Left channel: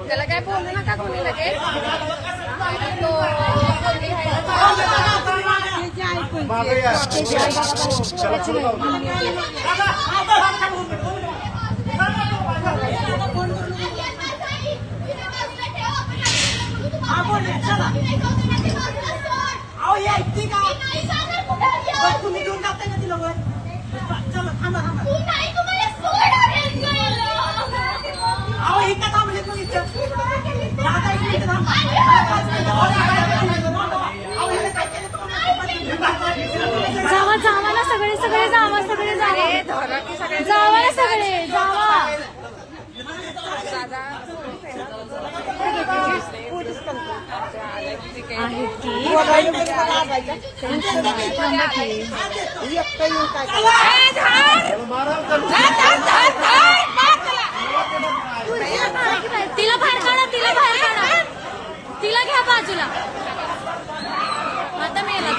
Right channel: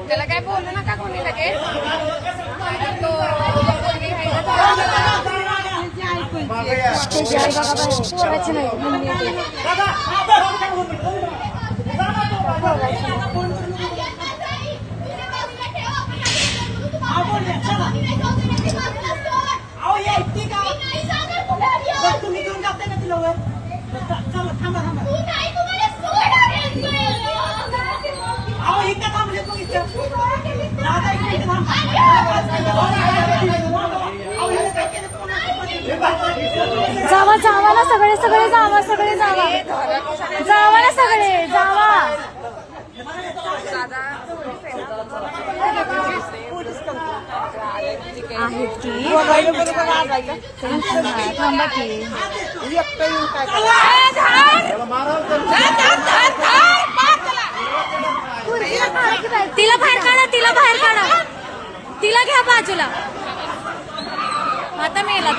त्याला काय बोलू नका कोणी लगेच तुम्ही घेऊन जाताय ना तिला वर चला थांबा थांबा अहो इथं थांबले तू इथं दादा एक मिनिट थांबा जावा जावा ना सगळे सगळे जावा सगळे जावा जावा ना सगळे जावा आहेत की थांबा की तिला बाहेर काढा तिला बाहेर काढा तिला घ्या बाजूला आता मेला